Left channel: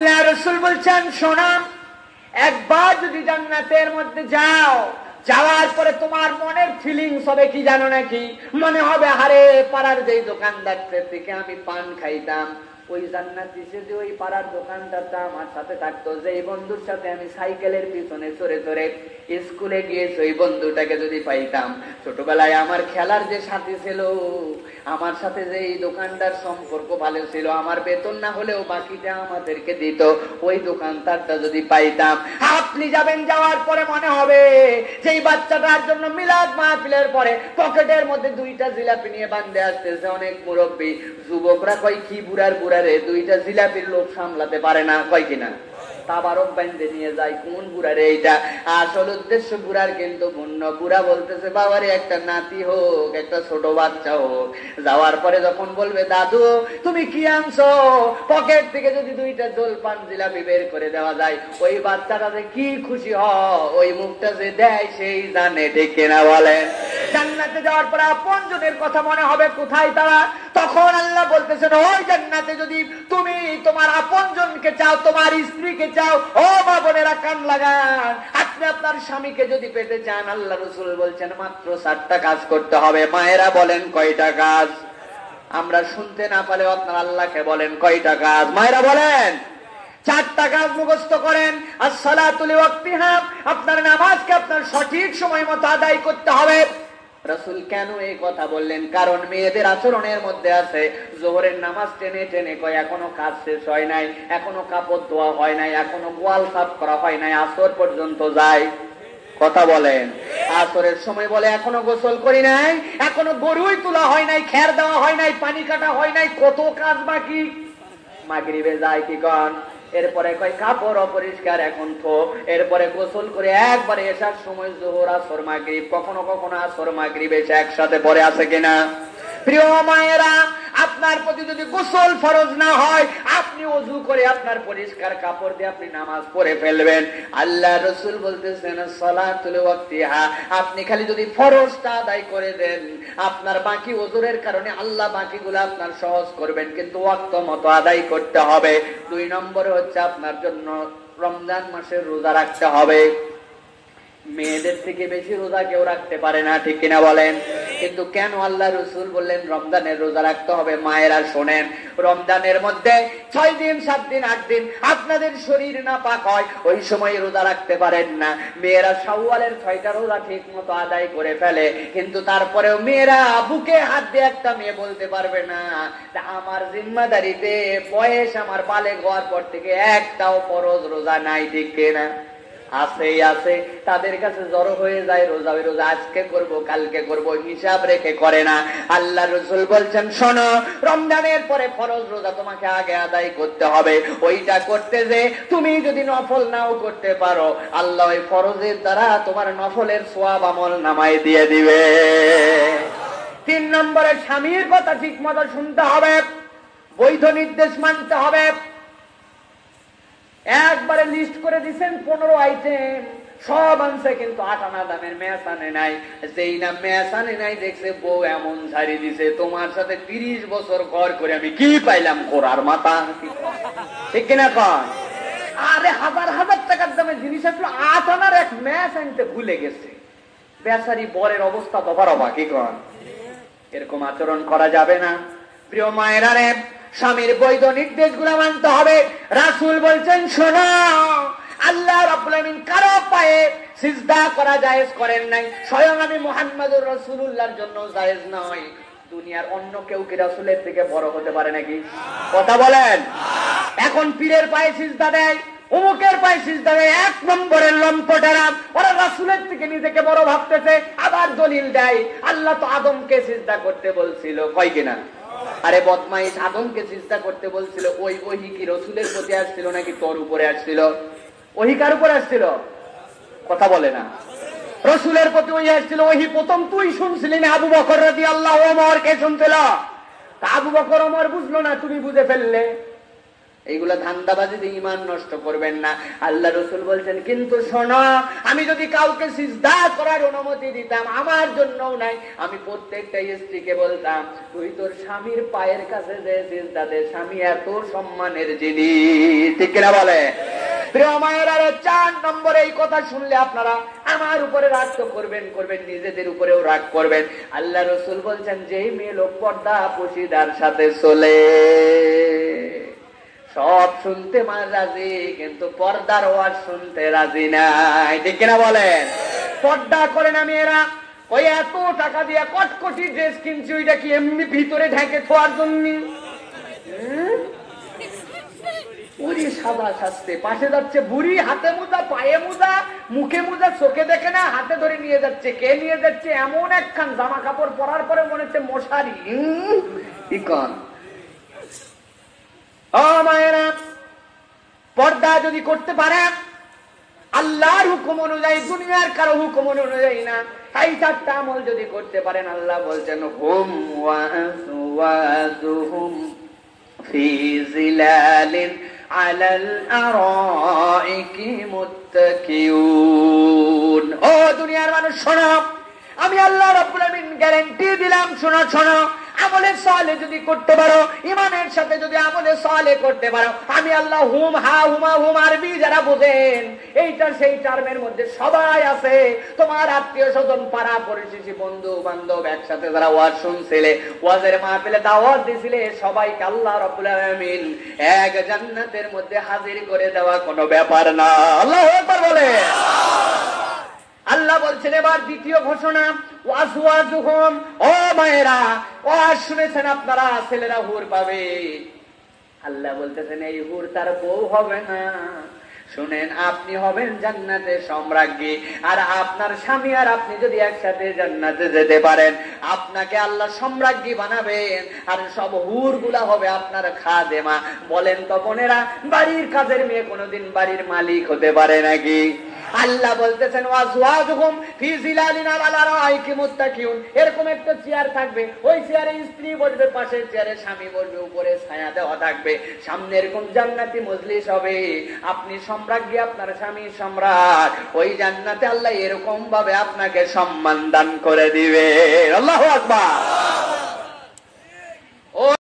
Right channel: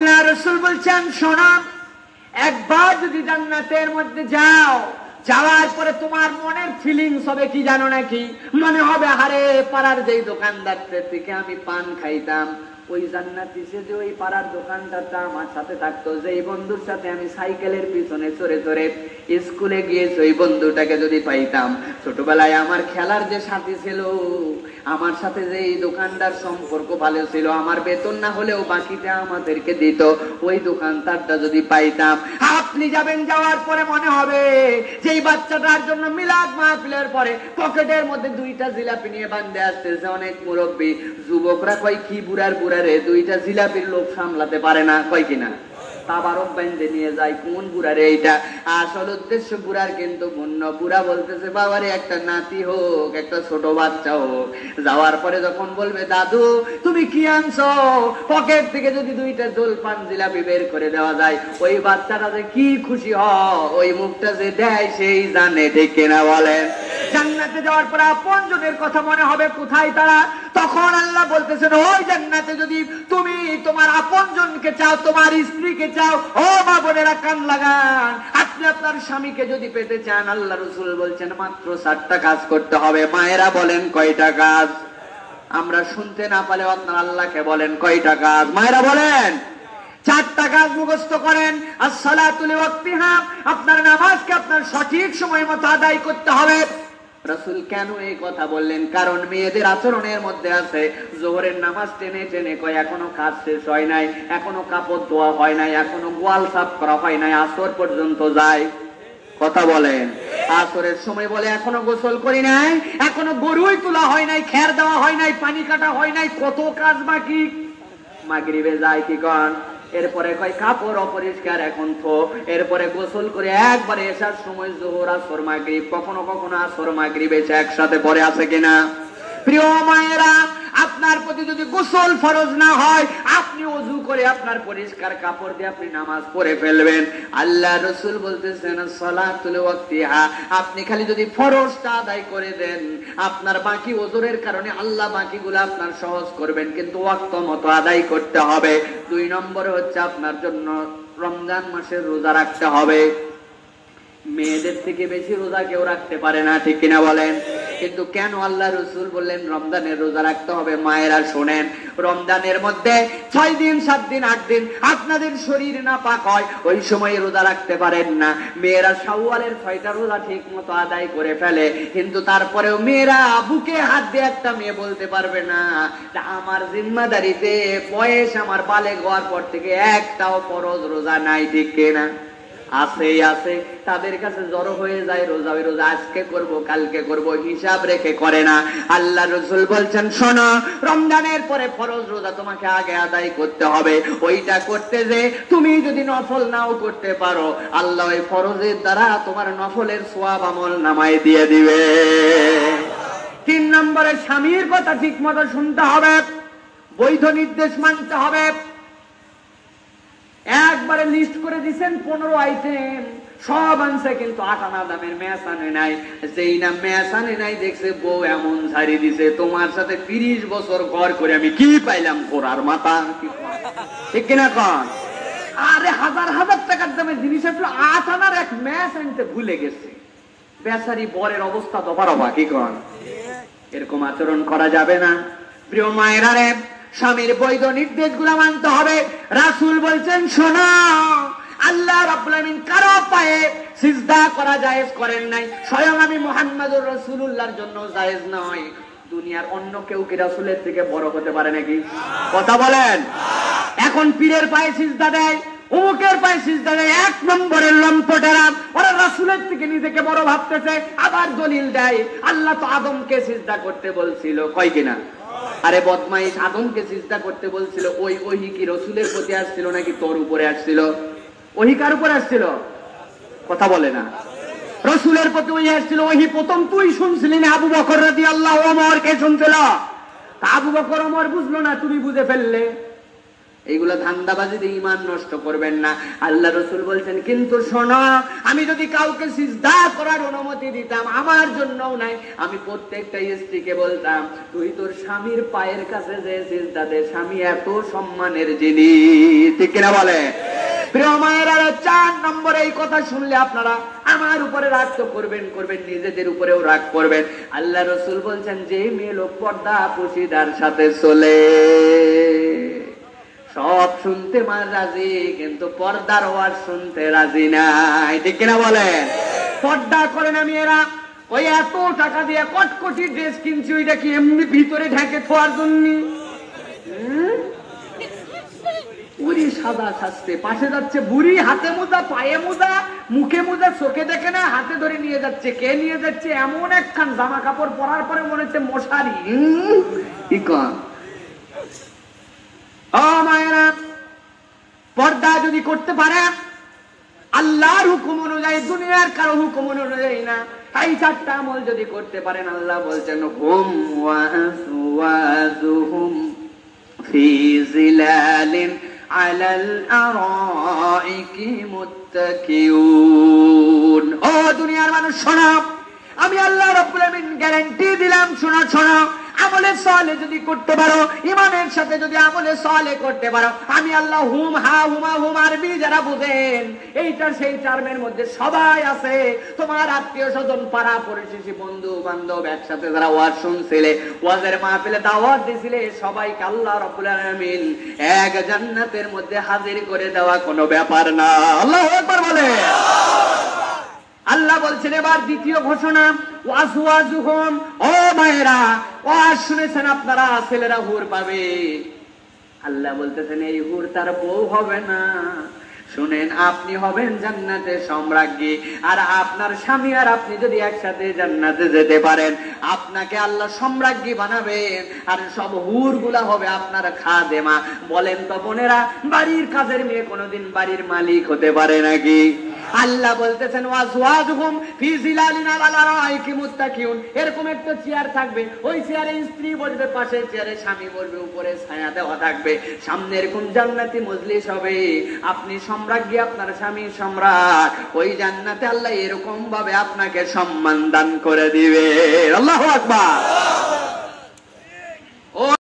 রাসূল বলছেন, শোনো, একবার যদি জান্নাতের মধ্যে যাও, যাওয়ার পরে তোমার মনের ফিলিংস হবে কি জানো নাকি? মনে হবে হারে পাড়ার যেই দোকানদার থেকে আমি পান খাইতাম, ওই জান্নাতি যে ওই পাড়ার দোকানদারটা আমার সাথে থাকতো, যেই বন্ধুর সাথে আমি সাইকেলের পিছনে চড়ে চড়ে স্কুলে গিয়েছি, ওই বন্ধুটাকে যদি পাইতাম, ছোটবেলায় আমার খেলার যে সাথী ছিল, আমার সাথে যে এই দোকানদার সম্পর্ক ভালো ছিল, আমার বেতন না হলেও বাকিটা আমাদেরকে দিত, ওই দোকানদারটা যদি পাইতাম। আপনি যাবেন, যাওয়ার পরে মনে হবে যেই বাচ্চাটার জন্য মিলাদ মাহফিলের পরে পকেটের মধ্যে দুইটা জিলাপি নিয়ে বান্ধে আসতেছে অনেক মুরব্বী, যুবকরা কয় কি বুড়ার বুড়ারে দুইটা জিলাপির লোভ সামলাতে পারে না, কয় কিনা তাবারক বান্ধে নিয়ে যায়, কোন বুড়ারে এইটা? আসল উদ্দেশ্য বুড়ার কিন্তু মুন্ন। বুড়া বলতেছে বাবারে একটা নাতি হোক, একটা ছোট বাচ্চা হোক। যাওয়ার পরে যখন বলবে দাদু তুমি কি আনছো, পকেট থেকে যদি দুইটা জলপান জিলাপি বের করে দেওয়া যায়, ওই বাচ্চাটা যে কি খুশি হয়, ওই মুখটা যে দেয় সেই জানে, ঠিক কিনা বলেন? জান্নাতে যাওয়ার পরে আপনজনের কথা মনে হবে, কোথায় তারা? তখন আল্লাহ বলতেছেন, ওই জান্নাতে যদি তুমি তোমার আপনজনকে চাও, তোমার স্ত্রীকে চাও, ও মা বোনেরা কান লাগান, আপনি আপনার স্বামীকে যদি পেতে চান, আল্লাহ রাসূল বলছেন মাত্র 4টা কাজ করতে হবে। মায়েরা বলেন কয়টা কাজ? আমরা শুনতে না পারলেও আপনার আল্লাহকে বলেন কয়টা কাজ? মায়েরা বলেন 4টা কাজ মুখস্থ করেন। আসসালাতু লিওয়াক্তিহা, আপনার নামাজকে আপনার সঠিক সময় মতো আদায় করতে হবে। রাসূল কেন এই কথা বললেন? কারণ মেয়েদের আচরণের মধ্যে আছে, যোহরের নামাজ টেনে টেনে কয় এখনো কাজ শেষ হয় নাই, এখনো কাপড় ধোয়া হয় নাই, এখনো গোয়াল সাফ করা হয় নাই, আসর পর্যন্ত যায়। কথা বলেন। আসরের সময় বলে এখনো গোসল করি নাই, এখনো গরুই তোলা হয় নাই, খের দেওয়া হয় নাই, পানি কাটা হয় নাই, কত কাজ বাকি। মাগরিবে যায় কি কন? এরপরে কয় কাপড় অপরিষ্কার, এখন তো। এরপরে গোসল করে একবারে এসার সময় যোহর আসর মাগরিব, কখনো কখনো আসর মাগরিব এসে একসাথে পরে, আছে কিনা? প্রিয় মায়েরা, আপনার প্রতি যদি গোসল ফরজ না হয়, আপনি ওযু করে আপনার পরিষ্কার কাপড় দিয়ে আপনি নামাজ পড়ে ফেলবেন। আল্লাহ রাসূল বলতেছেন সালাতুল ওয়াক্তিহা, আপনি খালি যদি ফরজটা আদায় করে দেন, আপনার বাকি ওযরের কারণে আল্লাহ বাকিগুলো আপনার সহজ করবেন, কিন্তু ওয়াক্ত মতো আদায় করতে হবে। 2 নম্বরে হচ্ছে আপনার জন্য রমজান মাসের রোজা রাখতে হবে। মেয়েদের থেকে বেশি রোজা কেউ রাখতে পারে না, ঠিক কিনা বলেন? কিন্তু কেন আল্লাহ রাসূল বললেন রমজানের রোজা রাখতে হবে? মায়েরা শোনেন, রমজানের মধ্যে 6 দিন 7 দিন 8 দিন আপনাদের শরীর নাপাক হয়, ওই সময় রোজা রাখতে পারেন না। মেয়েরা শাওয়ালের 6টা রোজা ঠিক মতো আদায় করে ফেলে, কিন্তু তারপরেও মেয়েরা বুকে হাত দিয়ে একটা মেয়ে বলতে পারবে না আমার জিম্মাদারিতে বয়স আমার বালেগ হওয়ার পর থেকে একটাও ফরজ রোজা নাই, ঠিক কিনা? আছেই আছে। তাদের কাছে জড়ো হয়ে যায় রোজা, ওই রোজা আজকে করব কালকে করব হিসাব রেখে করে না। আল্লাহ রাসূল বলছেন শোনো, রমজানের পরে ফরজ রোজা তোমাকে আগে আদায় করতে হবে। ওইটা করতে যে তুমি যদি নফল নাও করতে পারো, আল্লাহ ওই ফরজের দ্বারা তোমার নফলের সওয়াব আমল নামায় দিয়ে দিবে। 3 নম্বরে স্বামীর কথা ঠিক মতো শুনতে হবে, বৈধ নির্দেশ মানতে হবে। একবারে লিস্ট করে দিচ্ছেন 15 আইটেম, সব আনছে, কিন্তু 8 আনা দামের ম্যাচ আনে নাই। যেই না ম্যাচ আনে নাই, দেখছে বউ এমন ছাড়ি দিছে, তোমার সাথে 30 বছর ঘর করে আমি কি পাইলাম? কোরার মাথা, ঠিক কিনা কন? আরে হাজার হাজার টাকার দামের জিনিস আসলে 8 আনার এক ম্যাচ আনতে ভুলে গেছে। বেচারি বরের অবস্থা তো বড় বাকি কন। এরকম আচরণ করা যাবে না। প্রিয় মায়েরা রে, স্বামীর বৈধ নির্দেশগুলো মানতে হবে। রাসূল বলছেন শোনো, আল্লাহ রাব্বুল আলামিন কারো পায়ে সিজদা করা জায়েজ করেন নাই, স্বয়ং আমি মুহাম্মদুর রাসূলুল্লাহর জন্য জায়েজ নয়। দুনিয়ার অন্য কেউ কি রাসূলের থেকে বড় হতে পারে নাকি? কথা বলেন। এখন পীরের পায়ে সিজদা দেয়, অমুকের পায়ে সিজদা দেয়, 1 নম্বরের লম্পটেরা, ওরা রাসূলের থেকে নিজেকে বড় ভাবতেছে। আবার দলিল দেয় আল্লাহ তো আদমকে সিজদা করতে বলছিল, কয় কিনা? আরে বদমাইশ, আদমকে সিজদা করতে বলছিল, ওই ওহী কি রাসূলের প্রতি আসছিল নাকি তোর উপরে আসছিল? ওহী কার উপরে আসছিল? কথা বলে না। রাসূলের প্রতি ওহী আসছিল। ওহী প্রথম তুই শুনছিলি না? আবু বকর রাদিয়াল্লাহু আনহু কে শুনছিল? তা আবু বকর ওমর বুঝলো না, তুমি বুঝে ফেললে। এইগুলো ধান্দাবাজিতে ঈমান নষ্ট করবেন না। আল্লাহ রাসূল বলছেন, কিন্তু শোনো, আমি যদি কাউকে সিজদা করার অনুমতি দিতাম, আমার জন্যও নাই, আমি প্রত্যেকটা স্ত্রীকে বলতাম, তুই তোর স্বামীর পায়ের কাছে যে সিজদা দে, স্বামী এত সম্মানের জিনিস। ঠিক কিনা বলে? প্রিয় মায়েরা, 4 নম্বরে এই কথা শুনলে আপনারা আমার উপরে রাগ তো করবেন, নিজেদের উপরেও রাগ করবেন। আল্লাহ রাসূল বলছেন, যে মেয়ে লোক পর্দা পশিদার সাথে চলে, সব শুনতে রাজি, কিন্তু পর্দার ওয়াজ শুনতে রাজি নাই। ঠিক কিনা বলেন? পর্দা করে না মেয়েরা, ওই এত টাকা দিয়ে কটকটি ড্রেস কিনছি, ওইটা কি এমনি ভিতরে ঢেকে খোয়ার জন্য? বুড়ি সাদা সাজতে, পাশে যাচ্ছে বুড়ি, হাতে মোজা, পায়ে মোজা, মুখে মোজা, চোখে দেখে না, হাতে ধরে নিয়ে যাচ্ছে। কে নিয়ে যাচ্ছে? এমন একখান জামা কাপড় পরার পরে মনে হচ্ছে মশারি। মায়েরা, পর্দা যদি করতে পারে আল্লাহর হুকুম অনুযায়ী, দুনিয়ার কারো হুকুম অনুযায়ী না, এই 4টা আমল যদি করতে পারেন, আল্লাহ বলছেন, হুম ওয়াজওয়াজুহুম ফি জিলালিন আলাল আরাইকি মুত্তাকিউন। ও দুনিয়ার মানুষ শোনো, আমি আল্লাহ রাব্বুল আমিন গ্যারান্টি দিলাম, শোনো শোনো, আমলে সালে যদি করতে পারো, ইমানের সাথে যদি আমলে সালে করতে পারো, আমি আল্লাহ হুম হা হুমা হুম আরবি যারা বোঝেন, এইটা সেই টার্মের মধ্যে সবাই আছে। তোমার আত্মীয় স্বজন, পাড়া পড়শি, বন্ধু বান্ধব, একসাথে যারা ওয়াজ শুনছিলে, ওয়াজের মাহফিলে দাওয়াত দিছিলে, সবাইকে আল্লাহ রাব্বুল আমিন এক জান্নাতের মধ্যে হাজির করে দেওয়া কোনো ব্যাপার না। আল্লাহু আকবার বলে। আল্লাহ বলছেন এবার দ্বিতীয় ঘোষণা, ওয়াজওয়াজুহুম। ও মায়েরা, ওয়াজ শুনেছেন আপনারা, ছেলেরা হুর পাবে। আল্লাহ বলতেছেন, এই হুর তার বউ হবে না। শুনেন, আপনি হবেন জান্নাতে সম্রাজ্ঞী, আর আপনার স্বামী আর আপনি যদি একসাথে জান্নাতে যেতে পারেন, আপনাকে আল্লাহ সম্রাজ্ঞী বানাবেন, আর সব হুর গুলা হবে আপনার খাদেমা। বলেন তো বোনেরা, বাড়ির কাজের মেয়ে কোনোদিন বাড়ির মালিক হতে পারে নাকি? আল্লাহ বলতেছেন, ওয়াজওয়াজুহুম ফি জিলালিন আলা আরাইকি মুত্তাকিউন। এরকম একটা চেয়ার থাকবে, ওই চেয়ারে স্ত্রী বসবে, পাশের চেয়ারে স্বামী বসবে, উপরে ছায়া দেওয়া থাকবে, সামনে এরকম জান্নাতি মজলিস হবে। আপনি সম্রাজ্ঞী, আপনার স্বামী সম্রাট, ওই জান্নাতে আল্লাহ এরকম ভাবে আপনাকে সম্মান দান করে দিবে। আল্লাহু আকবার।